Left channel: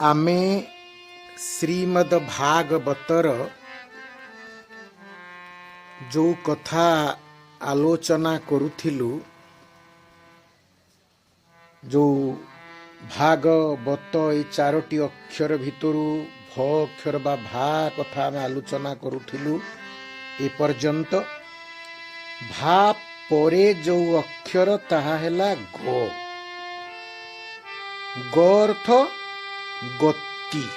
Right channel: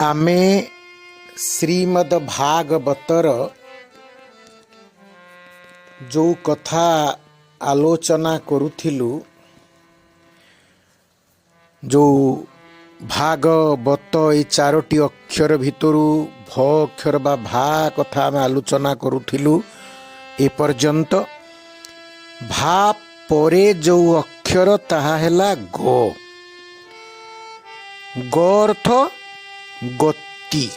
आमे श्रीमद् भागवतर जो कथा आलोचना करुथिलु, जो भागवत ये चारोटी अक्षर भितरु भ अक्षर बा भा कथा आमे आलोचना करुथिलु। ए पर्यंत भा परे जो अक्षर ताहा हैला ग। ग अर्थ गति,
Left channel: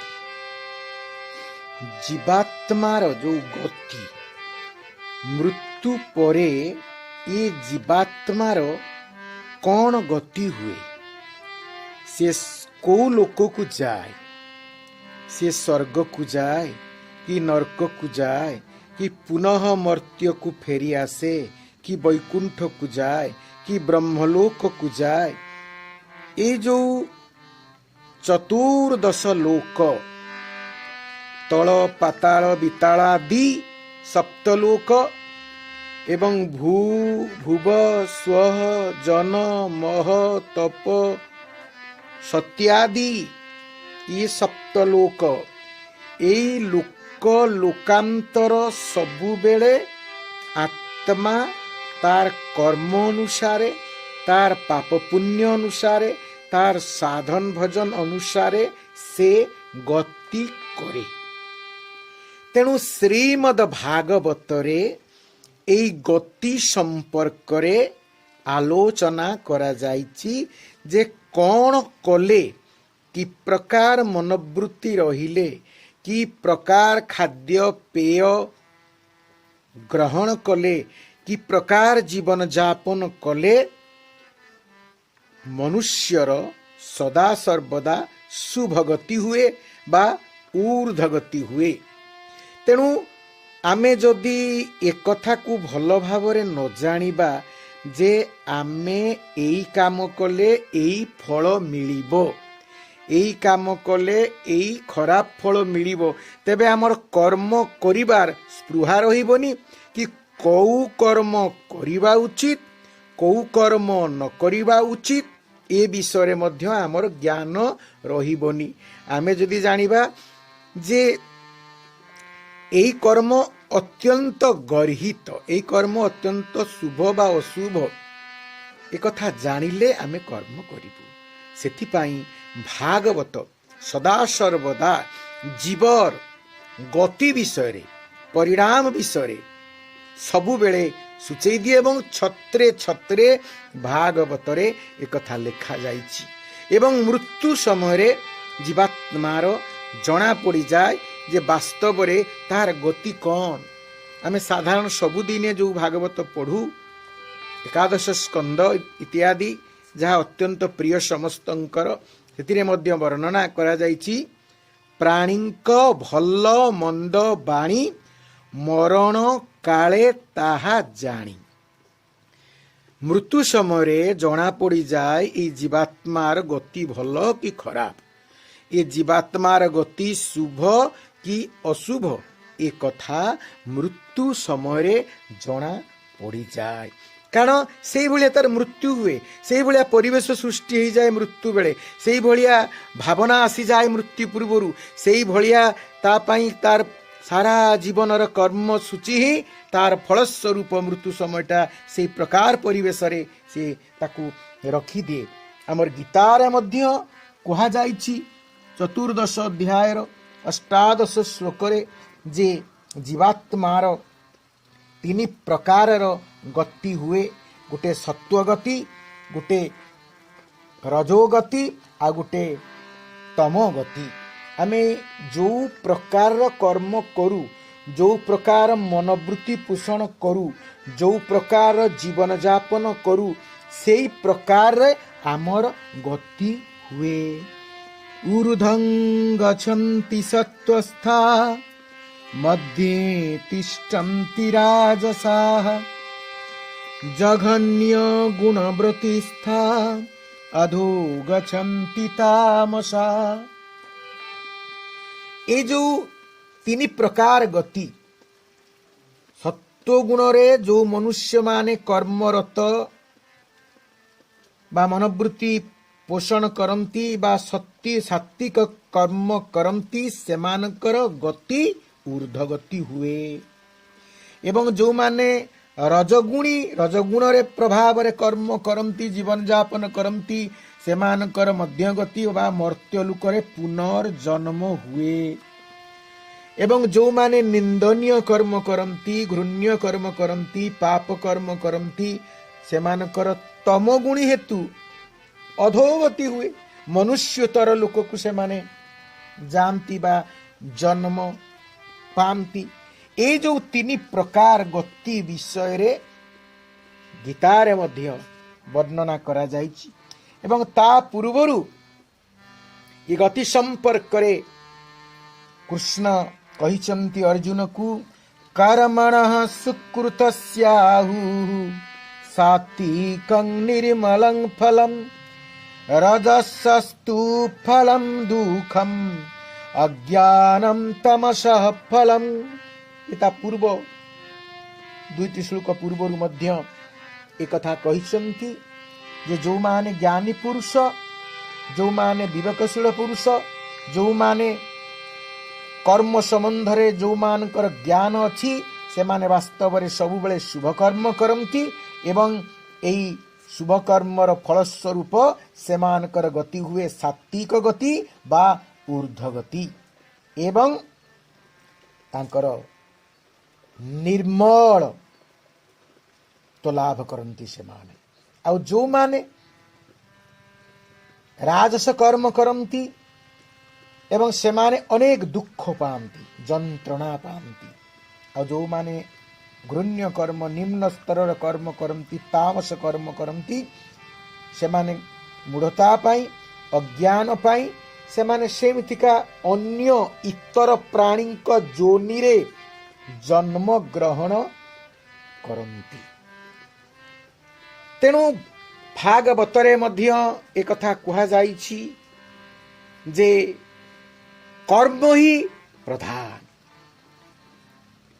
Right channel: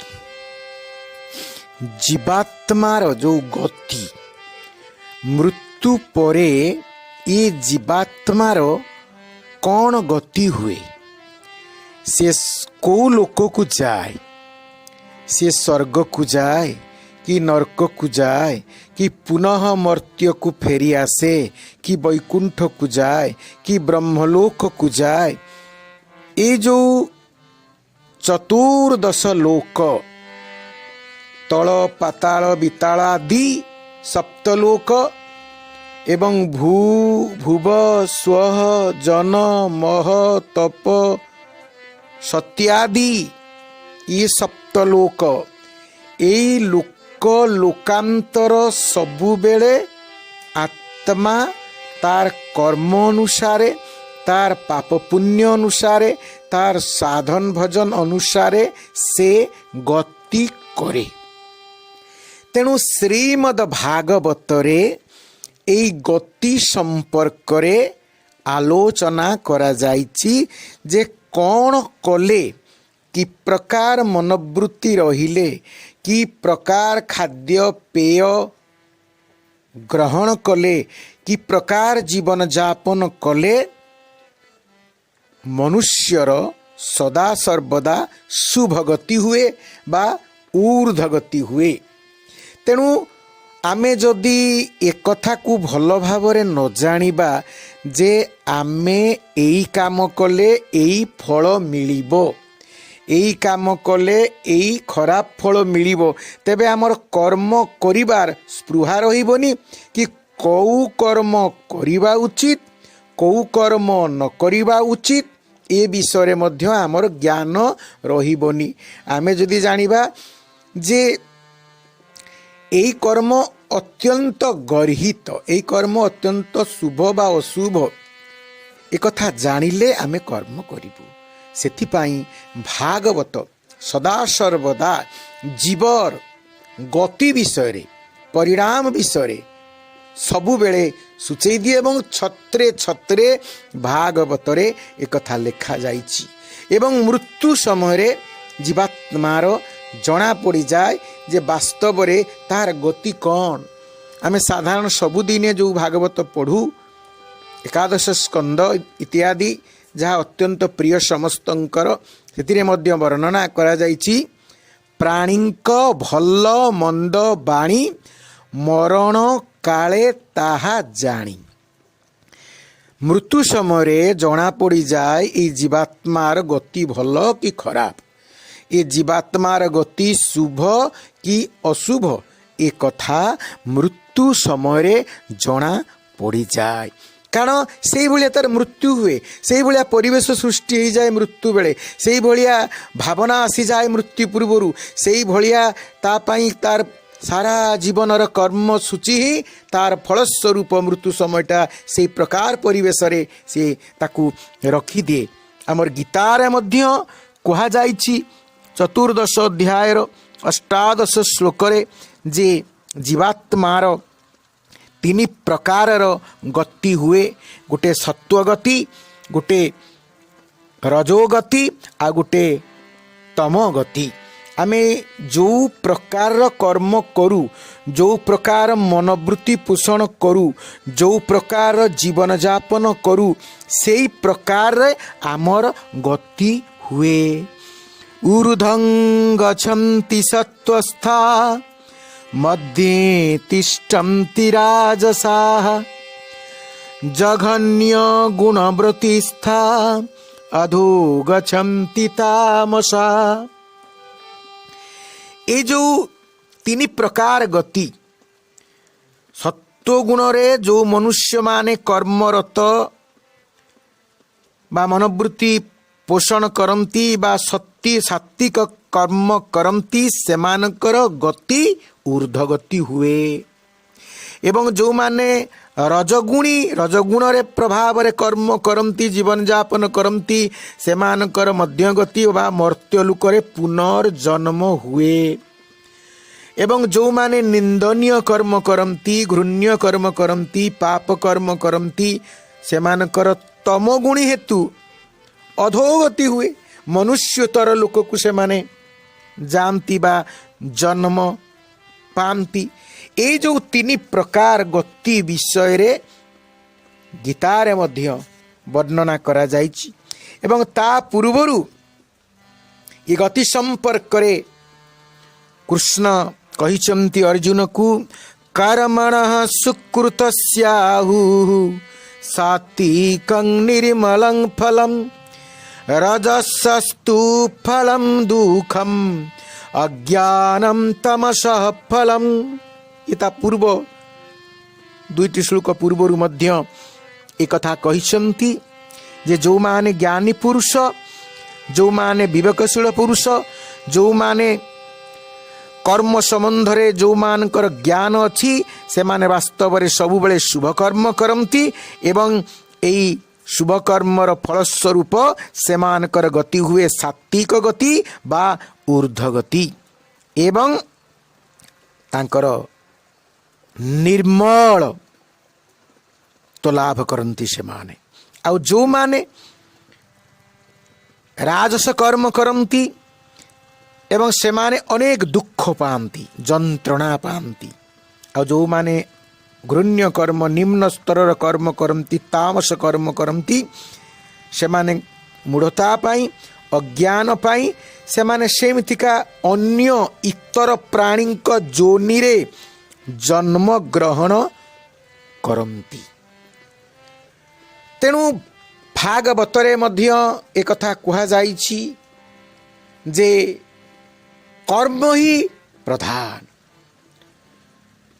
जीवात्मार जो गति, मृत्यु परे ये जीवात्मार कौन गति हुए, से को लोक को जाए, से स्वर्ग को जाए कि नरक को जाए कि पुनः मर्त्य को फेरी आसे कि वैकुंठ को जाए कि ब्रह्मलोक को जाए। ये जो चतुर्दश लोक, तल पाताल विताल आदि सप्तलोक एवं भुव स्वः जन मह तप सत्यादि ये सप्तलोक, एई लोक लोकांतर सबु बेले आत्मा तार कर्म अनुसारे, तार पाप पुण्य अनुसारे, तार साधन भजन अनुसारे से गति करे। तेणु श्रीमद् भागवतरे एई गति संपर्क रे आलोचना करा जाइछि जे कौन कले, कि प्रकार मनोवृत्ति रहिले, कि प्रकार खाद्य पेय ग्रहण कले, कि प्रकार जीवन जापन कले मनुष्यर सदा सर्वदा शुभगति हुए बा ऊर्ध्वगति हुए। तेणु आमे जदि एक कथा को भल भावरे न जानिबा जे आमे एई काम कले एई फल मिलिबो, एई काम कले एई खराब फल मिलिबो, तेबे आमर कर्म करिबार स्पृहा रहिबोनी कि कौ कर्म करिबा उचित, कौ कर्म न करिबा उचित, ए विषय मध्य आमर ज्ञान रहिबोनी। आमे जदि जानिबा जे एई कर्म अत्यंत गर्हित, एई कर्म अत्यंत शुभ बा अशुभ, एक कथा जानिले आमे कर्म करिबु। सेथिपाई भागवत सदा सर्वदा जीवर गति विषय, परिणाम विषय सबु बेले सूचई दिए एवं छत्रे छत्रे भागवतरे एक कथा लिखा जाइछि। एवं मृत्यु समय जीवात्मार जना पड़ी जाए जे वास्तव रे तार गति कौन। आमे साधारण सबुदिने जो भागवत पढ़ू, एकादश स्कंद इत्यादि जहाँ अत्यंत प्रिय समस्तंकर, सेतिरे मध्य वर्णना करा जाइछि प्राणींक भल मंद बाणी मरण काले ताहा जानी। मृत्यु समय जना पड़ी जाए ये जीवात्मार गति भल कि खराब, ये जीवात्मार गति शुभ कि अशुभ, ए कथा मृत्यु समय जना पड़ी जाए। कारण से भाया तार मृत्यु हुए, से भाया परिवेश सृष्टि हो जाए मृत्यु बेले, से भाया भावना आसी जाए मृत्यु पूर्वर, से भाया तापाई तार सारा जीवनर कर्म सूची ही तार फलस्वरूप मृत्यु समयटा से प्रकार परिवेश रे से ताकू रखी दिए। आमर गीतार मध्य कहा जाइछि चतुर्दश अध्यायर अष्टादश श्लोकरे जे जीवात्मार तीन प्रकारर गति हुए, गोटे सत्वगति, गोटे रजोगति आ गोटे तमोगति। आमे जो प्रकार कर्म करू, जो प्रकार मनोवृत्ति पोषण करू, जो प्रकार जीवन जापन करू, से प्रकार आमर गति हुए। ऊर्ध्वं गच्छन्ति सत्त्वस्था मध्ये तिष्ठन्ति राजसाः जघन्य गुणवृत्तिस्था अधो गच्छन्ति तामसा। ये जो तीन प्रकार गति, सत्व गुण रे जो मनुष्य माने कर्मरत बा मनोवृत्ति पोषण करती बा सत्य सात्विक कर्म करती सेमानकर गति ऊर्ध्वगति हुए। एवं जो माने रजगुणी रजगुण रे प्रभाव रे कर्म करती जीवन यापन करती सेमानकर मध्यगति बा मर्त्य लोक रे पुनर्जन्म हुए। एवं जो माने निंदनीय कर्म करती घृण्य कर्म करती पाप कर्म करती सेमानकर तमगुणी हेतु अधोगति हुए। मनुष्यतर लोक को से माने जानती बा जन्म पाती। ए जो तीन प्रकार गति विषय रे गीतारे मध्य वर्णना करा जाइछि। एवं ता पूर्वरु ये गति संपर्क रे कृष्ण कहिचंती अर्जुन को कर्मणः सुकृतस्याहु सात्विकं निर्मलं फलम् रजसस्तु फलं दुःखम अज्ञानम तमसः फलम। इता पूर्व दुईटी श्लोक पूर्वरु मध्य एक कथा कहिसंती जे जो माने ज्ञानी पुरुष जो माने विवेकशील पुरुष जो माने कर्म संबंध रे जो मानकर ज्ञान अछि से माने वास्तव रे सब बेले शुभ कर्म करंती एवं एई शुभ कर्मर फलस्वरूप सेमानकर गति हुए सात्विक गति बा ऊर्ध्व गति एवं तांकर निर्मल तो लाभ करंती से माने। आउ जो माने राजस कर्म करंती एवं से माने अनेक दुख पाती जंत्रणा पाती। आउ जो माने घृण्य कर्म निम्न स्तर कर्म करती तामस कर्म करती से माने मूढ़ता पाई अज्ञान पाई से माने सेमितिका अन्य इतर प्राणी जोनि रे जन्म ग्रहण करती। तेणु भागवतरे मध्य एक कथा कहा जाइछि जे कर्म ही प्रधान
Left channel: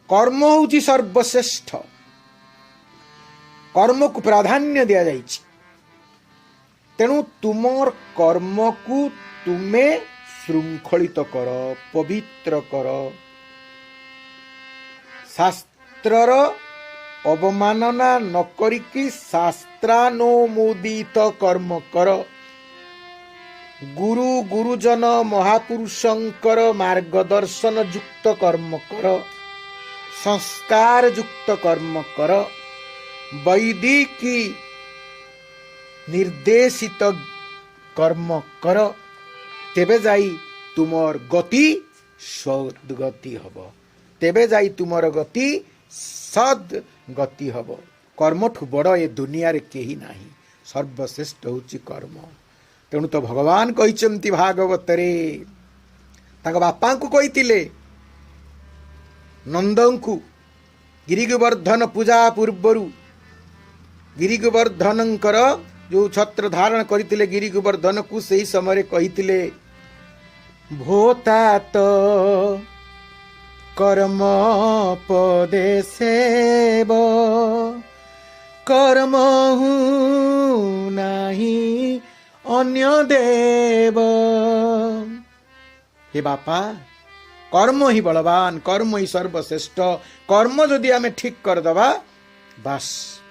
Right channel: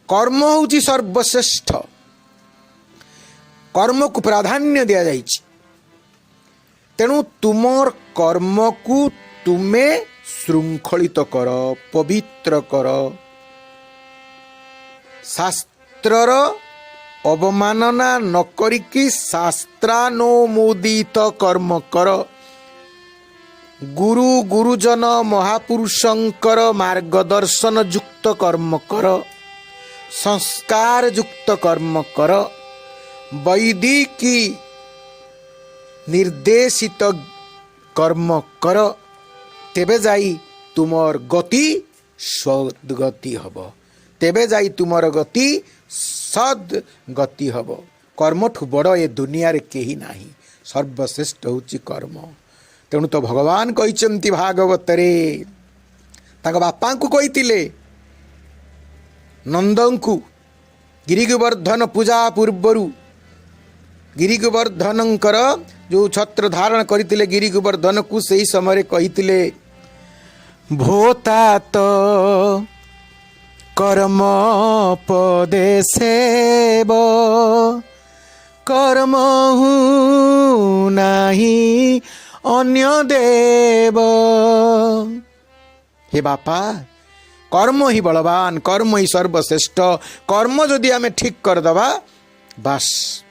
कर्म होउछि सर्वश्रेष्ठ कर्म को प्राधान्य दिया जाइछि। तेणु तुमर कर्म को तुमे श्रृंखलित कर पवित्र कर शास्त्रर अवमानना न करिकी शास्त्रानुमोदित कर्म कर गुरु गुरुजन महापुरुषंकर मार्गदर्शन युक्त कर्म कर संस्कार युक्त कर्म कर वैदिकी निर्देशित कर्म कर तेबे जाई तुमर गति सद्गति हब तेबे जाई तुमर गति सद्गति हब। कर्मठु बड़ ए दुनिया रे केही नाही सर्वश्रेष्ठ होची कर्म। तेणु तो भगवान कहिचंती भागवत रे तांग बापा को कहितिले नंदंकु गिरिगोवर्धन पूजा पूर्वरु गिरिगोवर्धनंकर जो छत्र धारण करथिले गिरिगोवर्धन को सही समय कहितिले भोतात कर्म पदेसेव कर्म नाही अन्य देव। हे बापा कर्म ही बलवान कर्म ही सर्वश्रेष्ठ कर्म जदि आमे ठीक कर दबा बस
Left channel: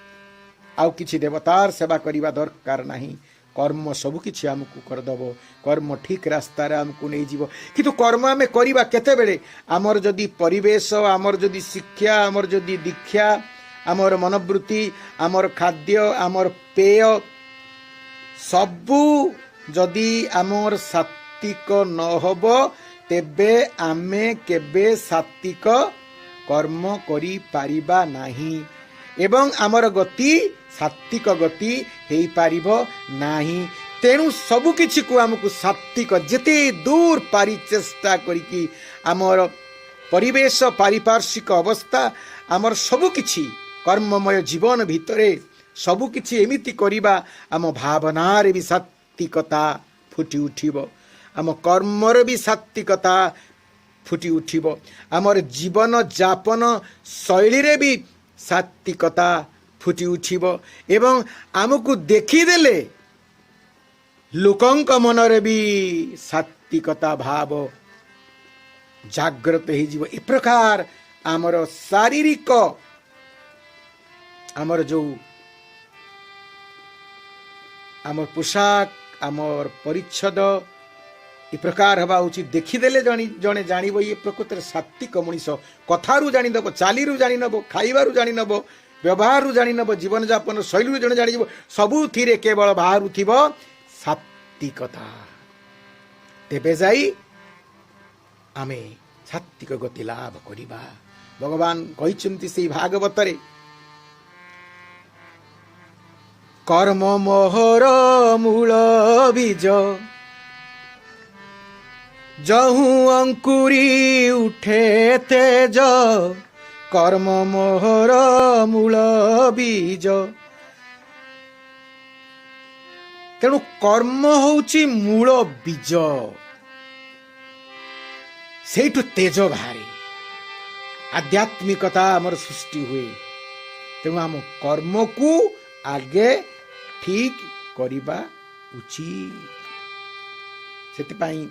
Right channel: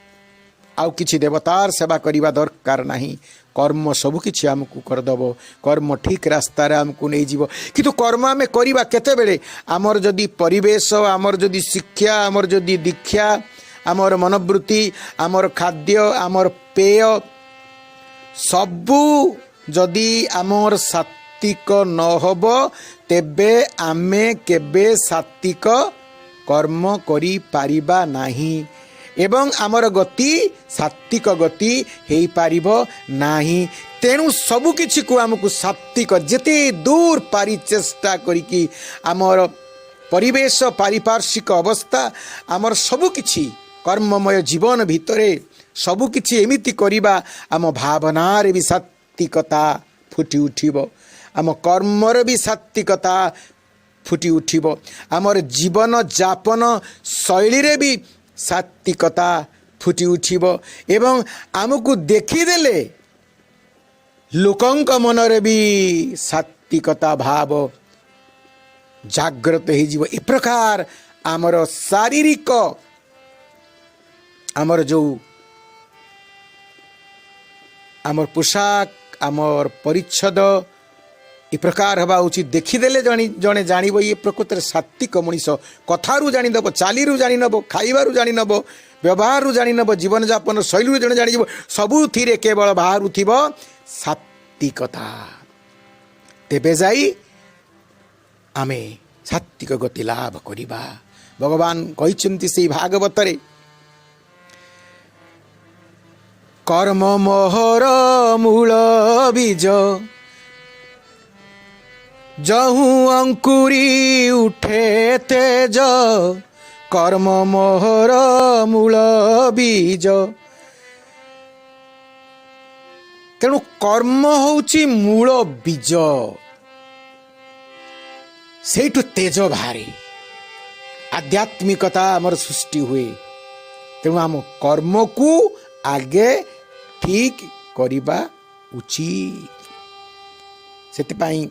आउ किछि देवतार सेवा करिबा दरकार नाही। कर्म सब किछि हमकु करदब कर्म ठीक रास्ता रे हमकु नै जीवो। किंतु कर्म आमे करिबा केते बेले आमर जदि परिवेश आमर जदि शिक्षा आमर जदि दीक्षा आमर मनोवृत्ति आमर खाद्य आमर पेय सबु जदि आमर सात्विक न होबो तेबे आमे केबे सात्विक कर्म करि पारिबा नाही एवं आमर गति सात्विक गति हेई पारिबो नाही। तेणु सबु किछि को हमकु सात्विक जेते दूर पारि चेष्टा करिकी आमर परिवेश पारिपार्श्विक अवस्था आमर सबु किछि कर्ममय जीवन भितरे सबु किछि एमिति करिबा आम भावना रे भी सात्विकता फुटी उठिबो आम कर्मर भी सात्विकता फुटी उठिबो आमर जीवन जापन शैली रे भी सात्विकता फुटी उठिबो एवं आमको देखिदेले लोकंक मनरे भी सात्विकता भाव जाग्रत हो ए प्रकार आमर शारीरिक आमर जो आमर पोशाक आमर परिच्छद ए प्रकार हवा उचित देखीदेले जड़े जान ये प्रकृत सात्विक मनीष कथारू जानीनब चालीरू जानीनब खाइबारू जानीनब व्यवहार जानीनब जीवन यापन शैली जड़े जान सबुथिरे केवल बाहर थी सात्विकता तेबे जाई आमे सात्विक गति लाभ करिबा। भगवान कहिसेंति से भागवत रे कर्म मोहर मूल बीज जहु अंकुरी उठे तेज कर्म मोहर मूल बीज। तेणु कर्म होची मूल बीज सेठु तेज बाहरी आध्यात्मिकता आमर सृष्टि हुए। तेणु आम कर्म को आगे ठीक करिबा उचित सेतिपाई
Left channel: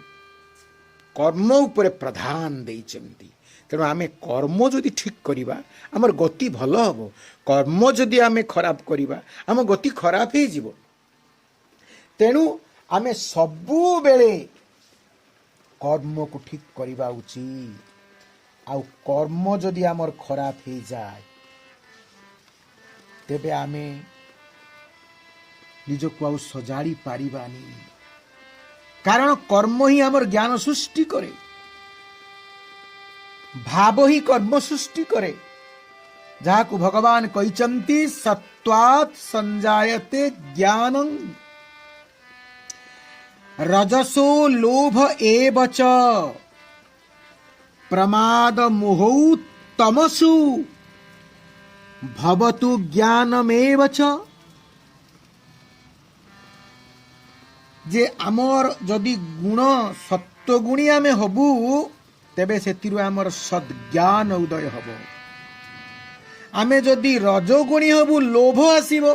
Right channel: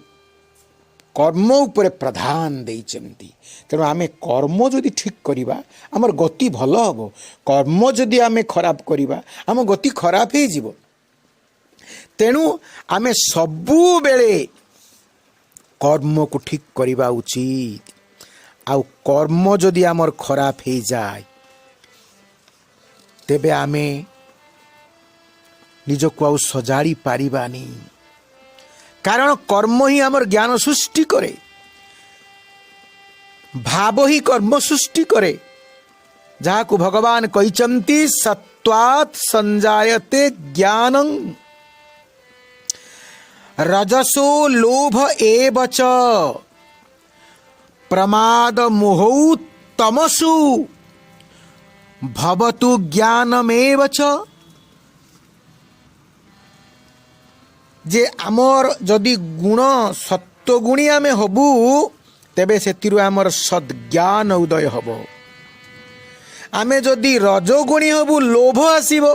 कर्म उपरे प्रधान देइचंती। तेणु आमे कर्म जदि ठीक करिबा आमर गति भल हबो कर्म जदि आमे खराब करिबा आम गति खराब हे जिवो। तेणु आमे सबु बेले कर्म को ठीक करिबा उचित। आउ कर्म जदि आमर खराब हे जाय तेबे आमे निजको आउ सजाड़ी पारिबानी कारण कर्म ही आमर ज्ञान सृष्टि करे भाव ही कर्म सृष्टि करे जहाँ को भगवान कहिचंती सत्वात् संजायते ज्ञानं रजसो लोभ एव च प्रमाद मोहौ तमसु भवतु ज्ञानमेव च। जे आमर जदि गुण सत्वगुणी आमे हबु तेबे सेतिरु आमर सद्ज्ञान उदय हबो। आमे जदि रजोगुणी हबु लोभ आसीबो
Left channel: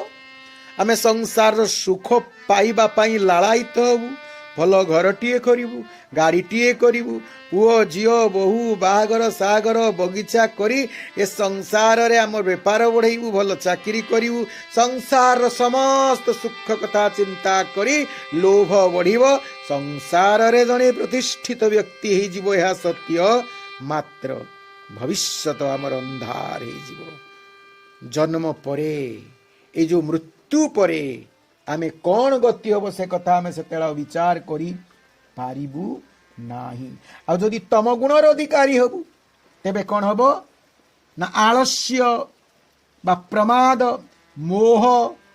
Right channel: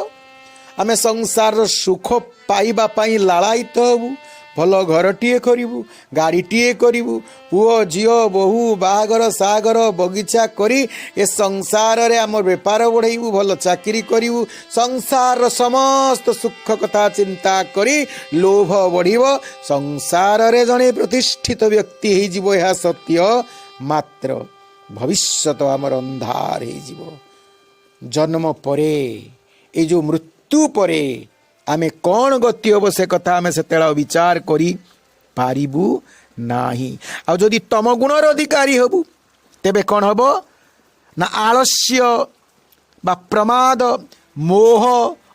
आमे संसार सुख पाइबा पाई लालायित हबु भल घरटीए करिबु गाड़ीटीए करिबु पुओ झियो बहु बाहागर सागर बगीचा करी ए संसार रे आम बेपार बढ़ाइबु भल चाकरी करिबु संसार समस्त सुख कथा चिंता करी लोभ बढ़िबो संसार रे जणे प्रतिष्ठित व्यक्ति हे जीवो यह सत्य मात्र भविष्यत आमर अंधार हे जीवो। जन्म परे ए जो मृत्यु परे आमे कौन गति हम से कथा आमे से विचार करी पारिबु नाही। आ जदि तम गुणर अधिकारी हबु तेबे कौन हबो ना आलस्य बा प्रमाद मोह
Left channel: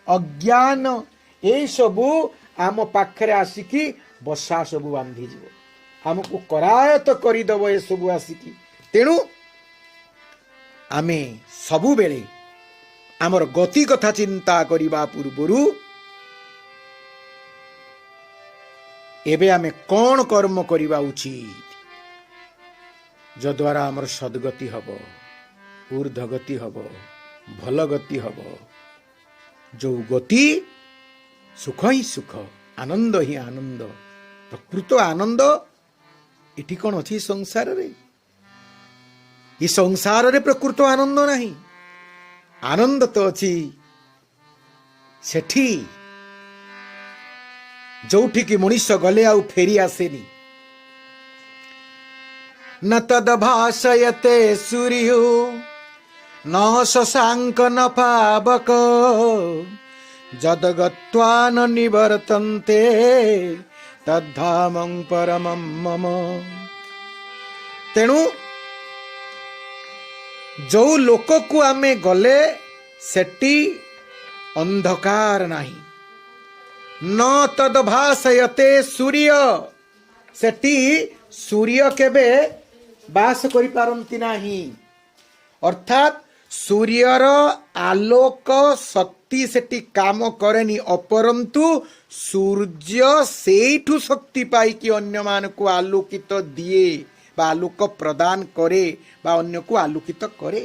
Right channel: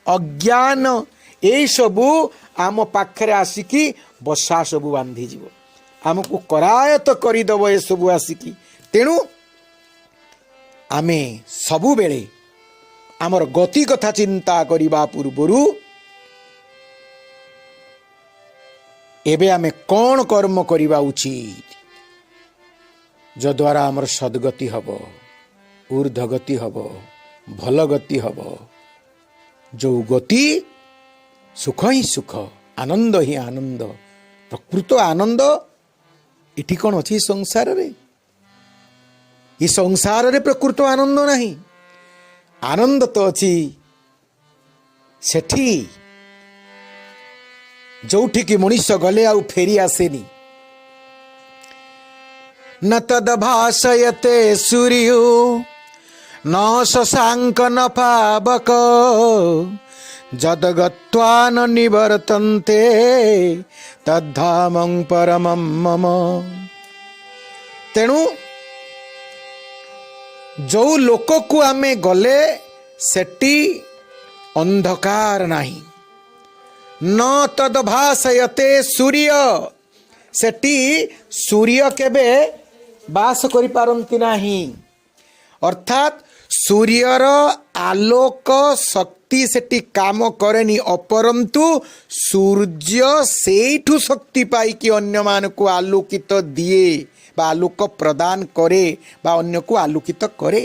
अज्ञान ए सबु आम पाखरे आसिकी बसा सबु बांधी जीवो आमको करायत करिदब ए सबु आसिकी। तेणु आमे सबु बेले आमर गति कथा चिंता करिबा पूर्वरु एबे आमे कौन कर्म करिबा उचित जद्वारा आमर सद्गति हबो ऊर्ध्वगति हबो भल गति हबो। जो गति सुख ही सुख आनंद ही आनंद प्रकृत आनंद इठी कौन अच्छी संसार रे ये संसार रे प्रकृत आनंद नहीं आनंद तो अच्छी सेठी जोठी की मनुष्य गले आउ फेरी आसेनी। न तद भाषयते सूर्यो न शशांक न पावक जदगत्वा न निवर्तन्ते तद्धामं परमं मम। तेणु जो लोक को आमे गले सेटी अंधकार नहीं न तद भाषयते सूर्य सेटी सूर्य केबे बास करि पारंती नाही अर्थात सूर्यर आलोक शक्ति सेटी काम करेनी अपरंतु सूर्य सेठु शक्ति पाई कि अन्य मान को आलोकित दिए बा आलोक प्रदान करे बा अन्य को आलोकित करे।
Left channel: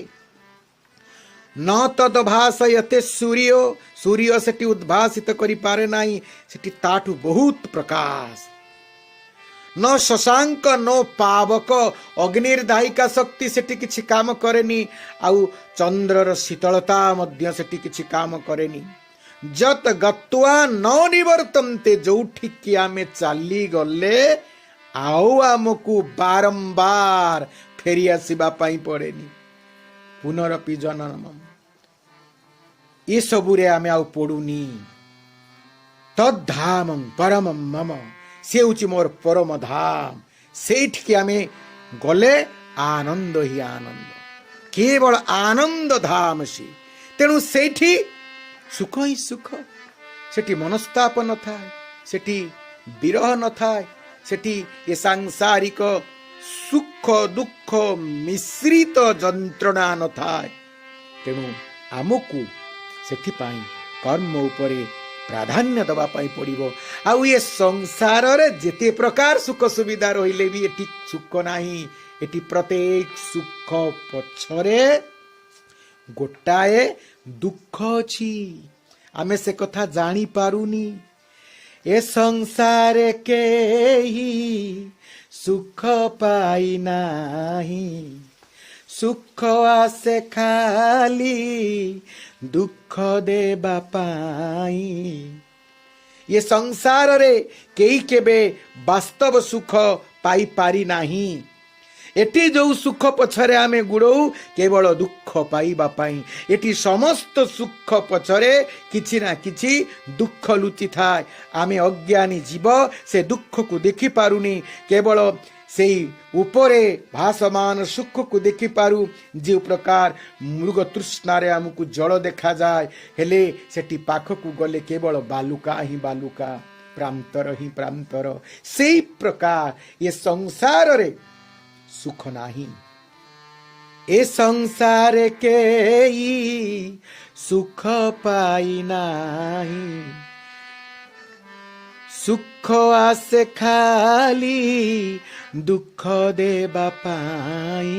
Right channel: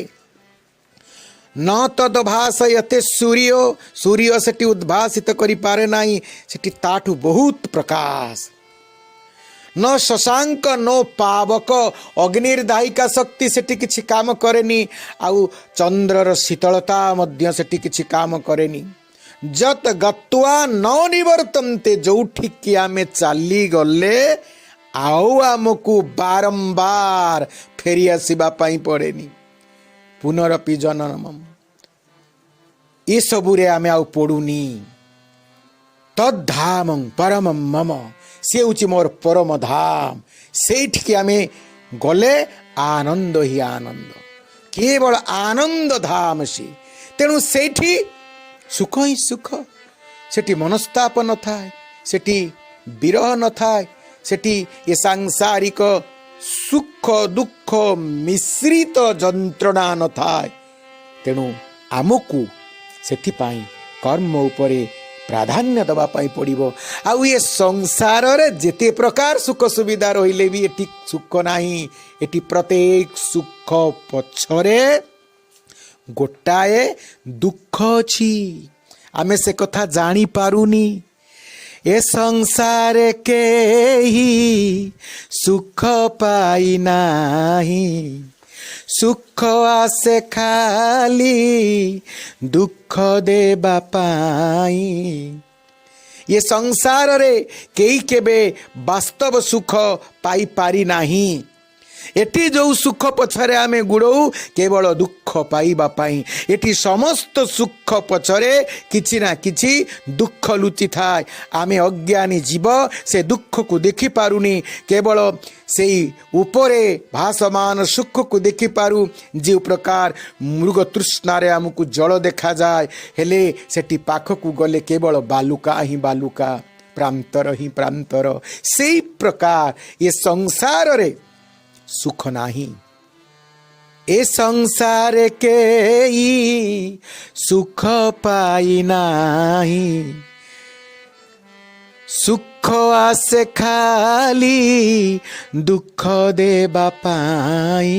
न तदभासयते सूर्य सूर्य सेठी उद्भासित करि पारे नाही सेठी ताठू बहुत प्रकाश न शशांक न पावक अग्निर्दायिका शक्ति सेठी किछि काम करेनी आउ चंद्रर शीतलता मध्य सेठी किछि काम करेनी जत गत्वा न निवर्तन्ते जोठी कि आमे चाली गले आउ आमको बारंबार फेरी आसीबा पाई पड़ेनी पुनरपि जननम ये सबुरे आमे आउ पड़ुनी तद्धामं परमं मम से हूँ मोर परम धाम सेठिके आमे गले आनंद ही आनंद केवल आनंद धाम से तेणु सेठी सुख ही सुख सेठी मनस्ताप न थाए सेठी विरह न थाए सेठी ये सांसारिक सुख दुख मिश्रित जंत्रणा न थाए तेणु आमको सेठी पाई कर्म उपरे प्राधान्य दबा पाई पड़िबो आउ ये संसार रे जेते प्रकार सुख सुविधा रहिले भी एटी सुख नाही एटी प्रत्येक सुख पछरे गोटाए दुख अछि आमे से कथा जानी पारुनी ए संसार के ही सुख पाई नाही सुख आसे खाली दुख देबा पाई ये संसार रे केई केबे वास्तव सुख पाई पारी नाही एटी जो सुख पछरे आमे गुड़ऊ केवल दुख पाइबा पाई एटी समस्त सुख पछरे किछि ना किछि दुख लुचि थाए आमे अज्ञानी जीव से दुख को देखि पारुनी केवल से उपरे भासमान सुख को देखि पारु जे प्रकार मृग तृष्णारे आमको जल देखा जाए हेले सेटी पाख को गले केवल बालुका ही बालुका प्रांतर ही प्रांतर से प्रकार ये संसार रे सुख नाही ए संसार के ही सुख पाई नाही सुख आसे खाली दुख देबा पाई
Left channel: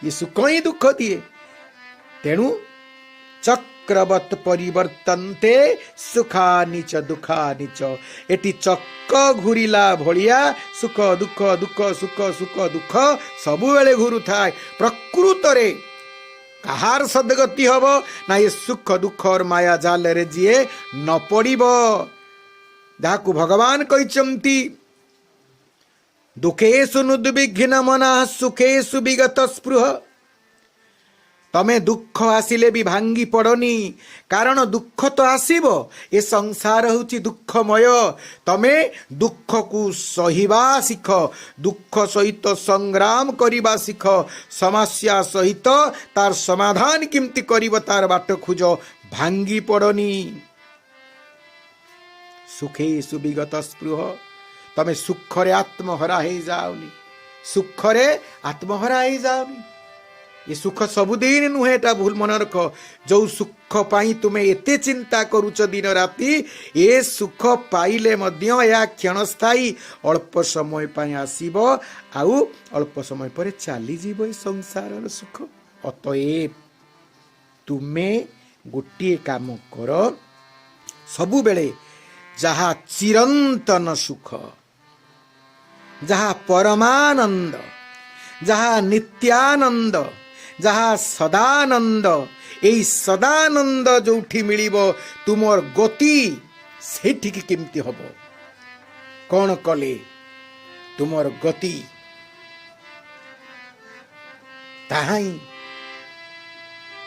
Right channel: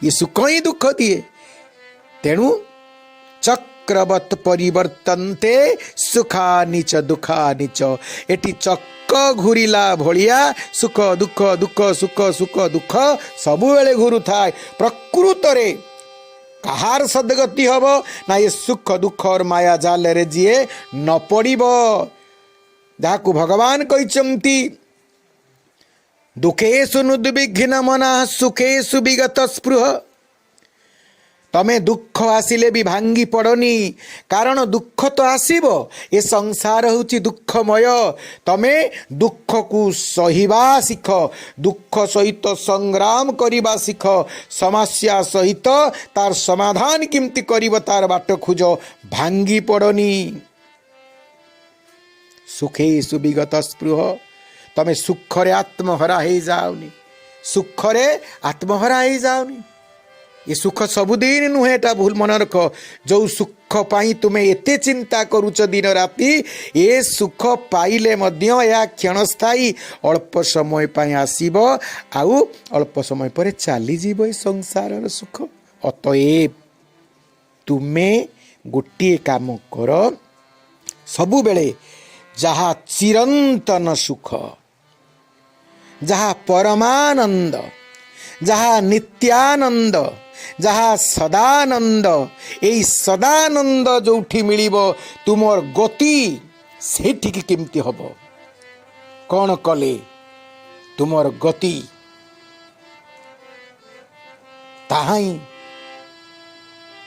ये सुख ही दुख दिए तेणु चक्रवत परिवर्तन्ते सुखा नीच दुखा नीच एटी चक्र घूरिला भलिया सुख दुख दुख सुख सुख दुख सबु बेले घूरु थाए प्रकृत रे कहार सदगति हब ना ये सुख दुख और माया जाल रे जिए न पड़िबो जाकु भगवान कहिचंती दुखेषु नुद्विघ्न मनः सुखेषु विगत स्पृह तमे दुख आसिले भी भांगी पड़नी कारण दुख तो आसीबो ये संसार होची दुखमय तमे दुख को सहिबा सिख दुख सहित संग्राम करिबा सिख समस्या सहित तार समाधान किमती करिब तार बाट खोज भांगी पड़नी सुखेषु विगत स्पृह तमे सुखरे आत्महरा हे जाओनी सुखरे आत्महरा हे जाओनी ये सुख सबुदिन नुहे टा भूल मन रख जो सुख पाई तुमे एते चिंता करूच दिन राति ये सुख पाइले मध्य या क्षणस्थायी अल्प समय पाई आसीबो आउ अल्प समय पर चली जीवो संसार सुख अतएव तुमे गोटे काम कर सबु बेले जहा चिरंतन सुख जहा परमानंद जहा नित्यानंद जहा सदानंद एई सदानंद जोठी मिलिबो तुमर गति सेठिक केमती हबो कौन कले तुमर गति ताहाई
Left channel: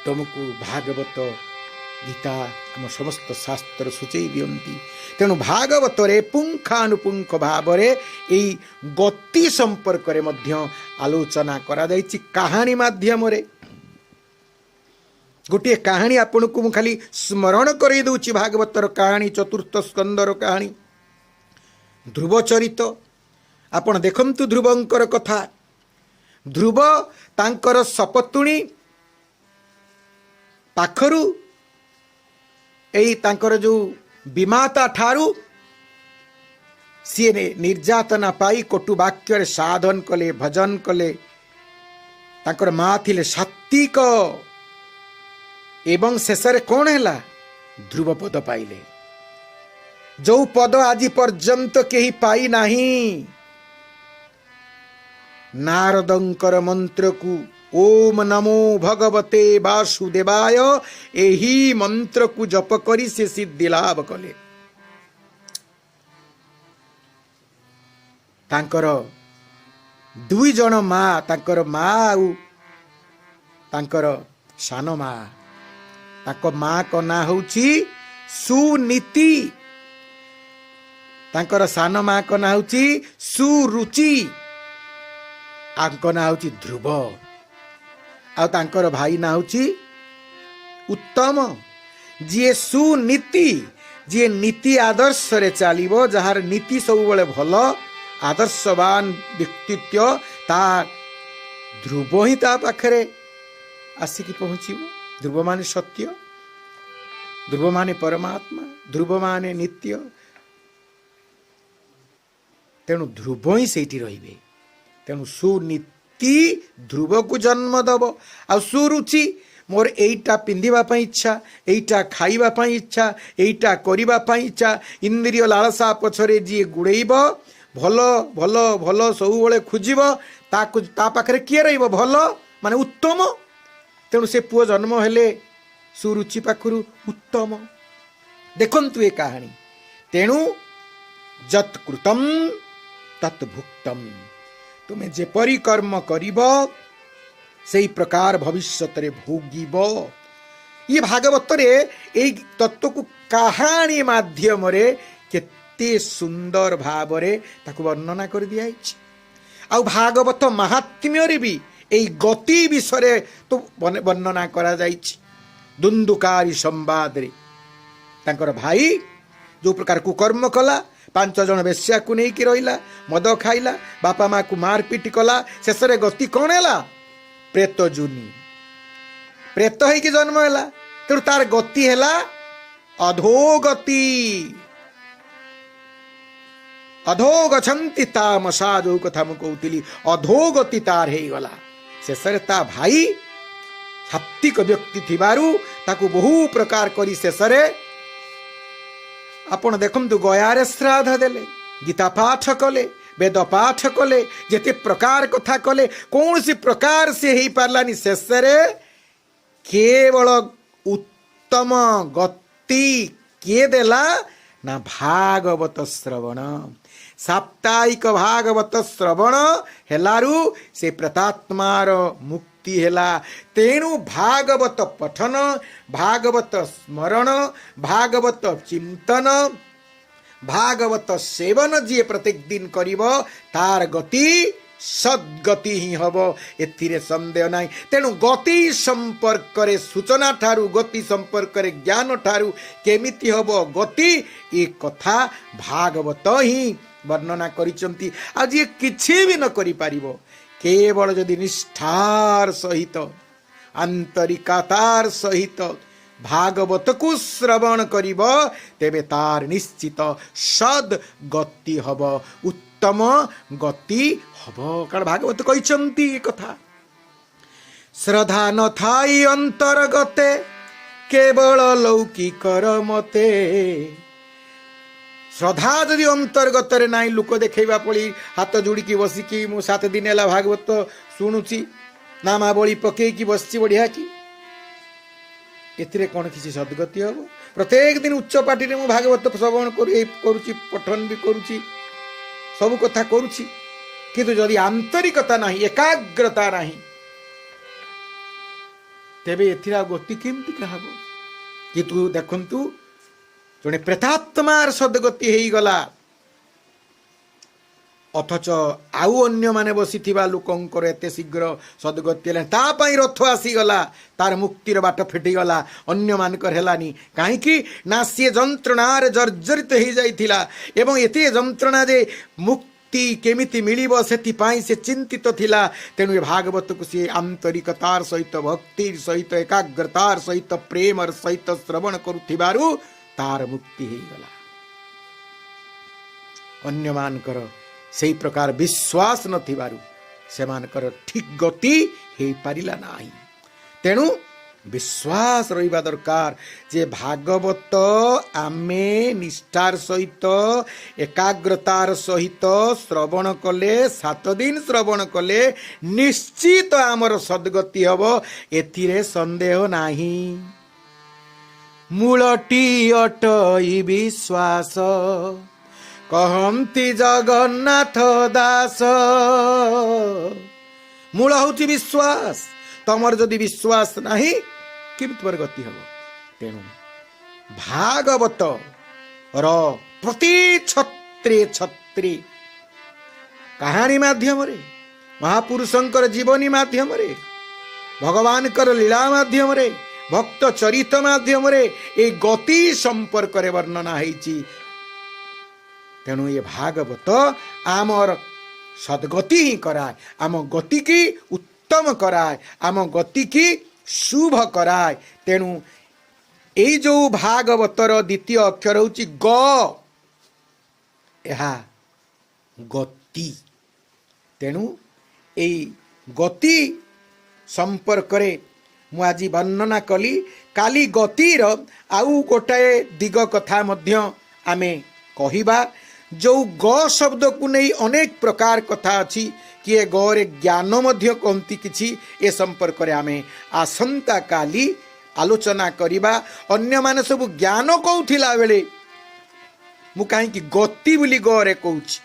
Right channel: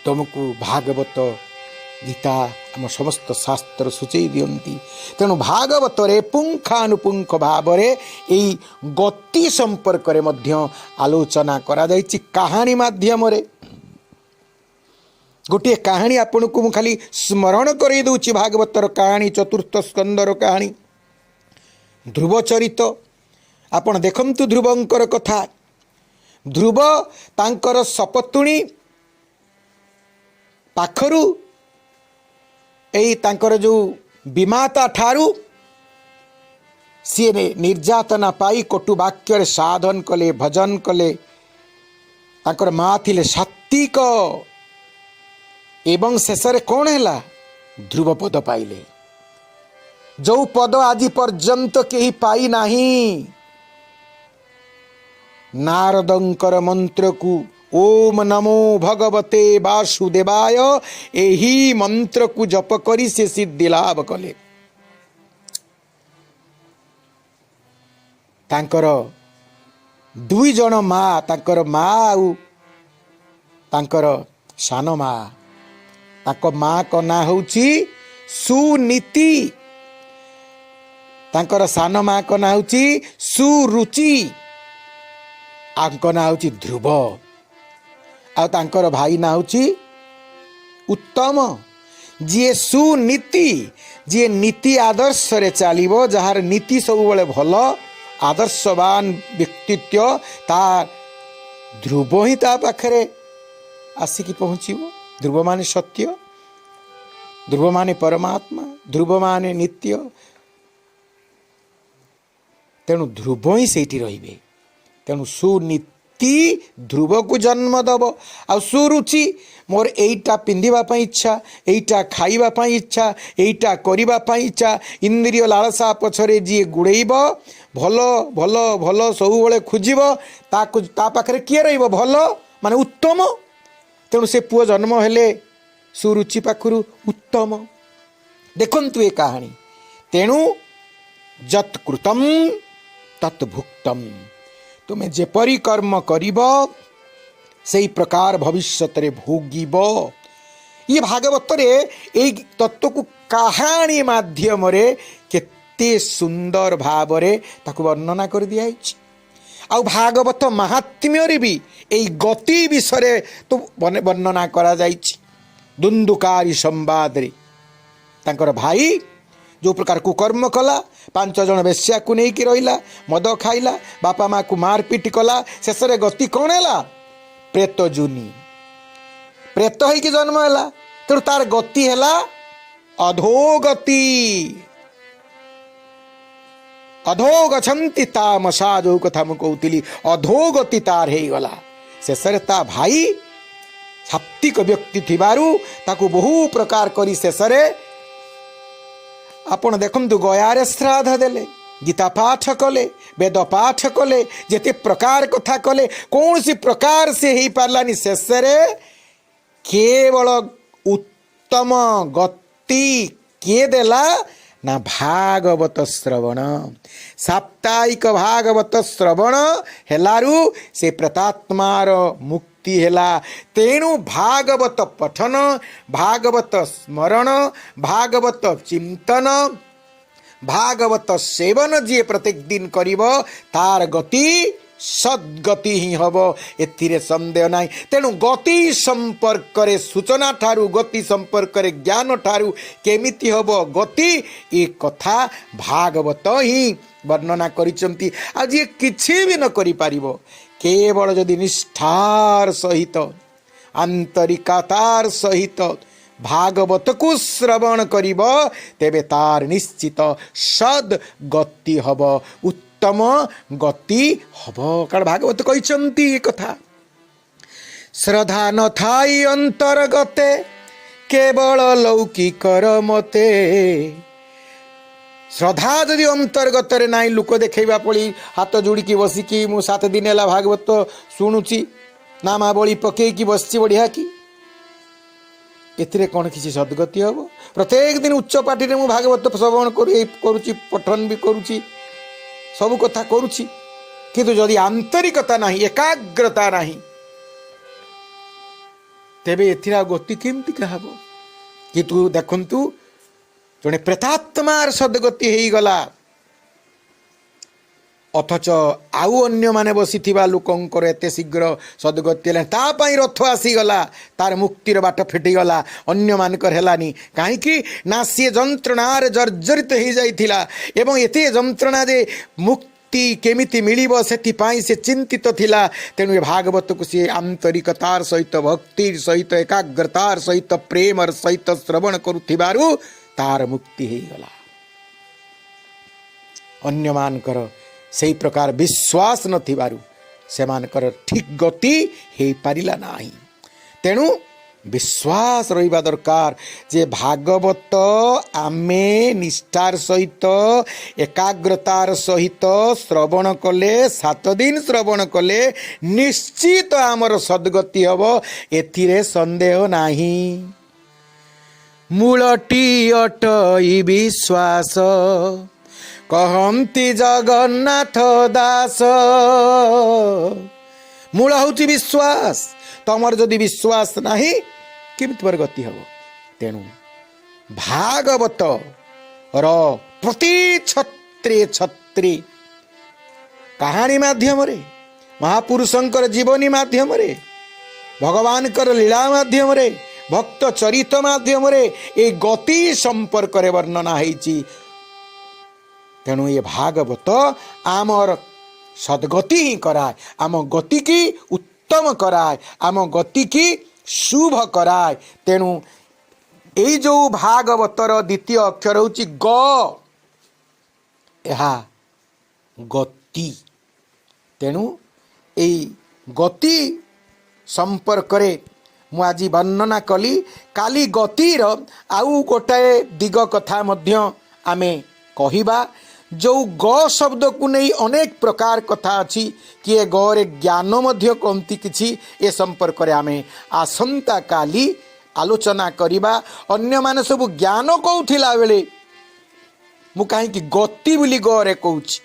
तुमको भागवत गीता आम समस्त शास्त्र सूचई दियंती तेणु भागवत रे पुंखानुपुंख भाव रे एई गति संपर्क रे मध्य आलोचना करा जायछि कहानी माध्यम रे गोटे कहानी आपन को मु खाली स्मरण करई दउछि भागवतर कहानी चतुर्थ स्कंदर कहानी ध्रुव चरित आपण देखंतु ध्रुवंकर कथा ध्रुव तांकर सपतुणी पाखरु एई तांकर जो विमाता ठारू सी निर्यातना पाई कटु वाक्य साधन कले भजन कले तांकर माँ थिले सात्विक एवं शेष कौन है ध्रुव पद पाइले जो पद आज पर्यंत कहीं पाई नहीं। नारदंकर मंत्र को ओम नमो भगवते वासुदेवाय एही मंत्र को जप करी से सिद्धि लाभ कले। तांकर दुई जन माँ तांकर माँ आउ तांकर सान माँ तांको माँ को ना होची सुनीति तांकर सान माँ को ना होची सुरुचि आंको ना होची ध्रुव आ तांकर भाई ना होची उत्तम जी सुनीति जी नीति आदर्श रे चलिबो जहार नीति सब बेले भल आदर्शवान व्यक्तित्व ता ध्रुव ही ता पाखरे आसिकी पहुँचीबो। ध्रुव माने सत्य, ध्रुव माने परमात्मा, ध्रुव माने नित्य। तेणु ध्रुव ही सेठी रहिबे। तेणु सुनीति ध्रुव को जन्म दब आ सुरुचि मोर एइटा पिंधिबा पई इच्छा, एइटा खाइबा पई इच्छा, एइटा करिबा पई इच्छा। इंद्रिय लालसा पछरे जी गुड़ेइब भल भल भल सब बेले खोजिब ता पाखरे किए रहिब भल माने उत्तम। तेणु से पुओ जन्म हेले सुरुचि पाखरु उत्तम। देखंतु ए कहानी। तेणु जत कृतम तत् भुक्तम तुम्हें जेपरी कर्म करिब सेई प्रकार भविष्यत रे भोगिब। ये भागवत रे एई तत्व को कहानी माध्यम रे केते सुंदर भाव रे ताकु वर्णना कर दिया आ भागवत महात्म्य रे भी एई गति विषय तो वर्णना करा जाइछि। दुंदुकारी संवाद रे तांकर भाई जो प्रकार कुकर्म कला 5 जन बेश्या को नहीं कि रहिला मद खाइला बापा माँ को मारपिट कला शेष रे गति कौन है प्रेत जुनी प्रेत है कि जन्म है तेणु तार गति है अधोगति अधोगछन्ति तामसा जो कथा मु कहूली अधोगति तार है गला शेष रे ता भाई सात्विक व्यक्ति थिबारु ताकू बहु प्रकार करी शेष रे आपण देखु गयारे श्राद्ध देले गीता पाठ कले वेद पाठ कले जेते प्रकार कथा कले कौन सी प्रकार से ही पारलानी शेष रे केवल उत्तम गति किए देला ना भागवत श्रवण साप्ताहिक भागवत श्रवण हेलारू से प्रतात्मार मुक्ति हेला। तेणु भागवत पठन भागवत स्मरण भागवत चिंतन भागवत सेवन जी प्रत्येक दिन करिब तार गति सद्गति ही हब एथिरे संदेह नहीं। तेणु गति संपर्क रे सूचना ठारू गति संपर्क रे ज्ञान ठारू केमिति हब गति ए कथा भागवत ही वर्णना करिसंती। आज ये किछि भी न करि पारिबो केवल यदि निष्ठार सहित आंतरिकतार सहित भागवत को श्रवण करिब तेबे तार निश्चित सद गति हब उत्तम गति हब। कारण भागवत कहिसंती कथा श्रद्धा न थाई अंतर्गते केवल लौकिकर मते। श्रद्धा जदि अंतर्गत रे नाई लुक देखा पड़ी हाथ जोड़िकी बसिकी मु 7 दिन है भागवत शुणुची नामावली पकईकी बसची बढ़िया कि एथिरे कौन किसी सद्गति हम। प्रत्येक दिन उच्च पार्टी में भागवत श्रवण करुची पठन भी करुची सब कथा करुची किंतु जदि आंतरिकता नहीं एकाग्रता नहीं तेबे एथिरा गति केमती कहब। किंतु देखंतु जड़े प्रेतात्मार सद्गति हो गला अथच आउ अन्य माने बसी लोकंकर एते शीघ्र सद्गति तापाई रथ आसीगला तार मुक्तिर बाट फिटिगला अन्य मानकर हेलानी कहीं ना सी जंत्रणार जर्जरित हो जाइथिला एवं एते जंत्रणा जे मुक्ति केमिति मिलिबो सेथिपाई से चिंतित थिला। तेणु ये भागवत को सी आंतरिकतार सहित भक्तिर सहित एकाग्रतार सहित प्रेमर सहित श्रवण करुथिबारु तार मुक्ति हो गला। अन्य मानकर सही प्रकार विश्वास नथिबारु से मानकर ठीक गति हो पारिला नाही। तेणु विश्वास रहिबा दरकार जे भागवत आमे निष्ठार सहित एकाग्रतार सहित श्रवण कले 7 दिन श्रवण कले निश्चित आमर सद्गति हब एथिरे संदेह नाही। मूलटी अटई विश्वास कहंती जगन्नाथ दास। मूल हूँ विश्वास। तमर जदि विश्वास नहीं केमिति पर गति हब। तेणु भागवत र प्रति छत्री छत्री कहानी माध्यम रे महापुरुषंकर जीवनी माध्यम रे भगवान कर लीला माध्यम रे भक्त चरित माध्यम रे ए गति संपर्क रे वर्णना होईची। तेणु ये भागवत आमर सद्गति ही कराए, आम गति की उत्तम कराए, आम गति की शुभ कराए। तेणु यही जो भागवतर द्वितीय अक्षर होची ग, यहा गति। तेणु यही गति संपर्क रे मु आज वर्णना कली। काली गतिर आउ गोटाए दिग कथा मध्य आमे कहिबा। जो ग शब्द को नहीं अनेक प्रकार कथा अच्छी किए गरे ज्ञान मध्य कमती किछि ए संपर्क रे आमे आसंता काली आलोचना करिबा। अन्य माने सब ज्ञान कहूथिला बेले मु काहे कि गति बोली गरे कहूछि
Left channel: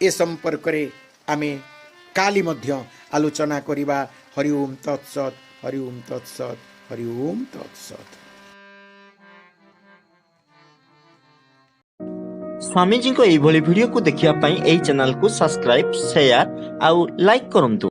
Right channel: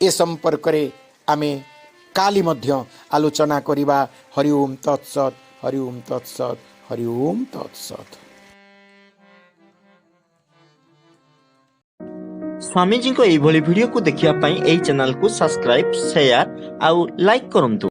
ए संपर्क रे आमे काली मध्य आलोचना करिबा। हरि ओम तत्सत, हरि ओम तत्सत, हरि ओम तत्सत। स्वामीजी को एभली वीडियो को देखिया पई एई चैनल को सब्सक्राइब, शेयर आउ लाइक करंतु।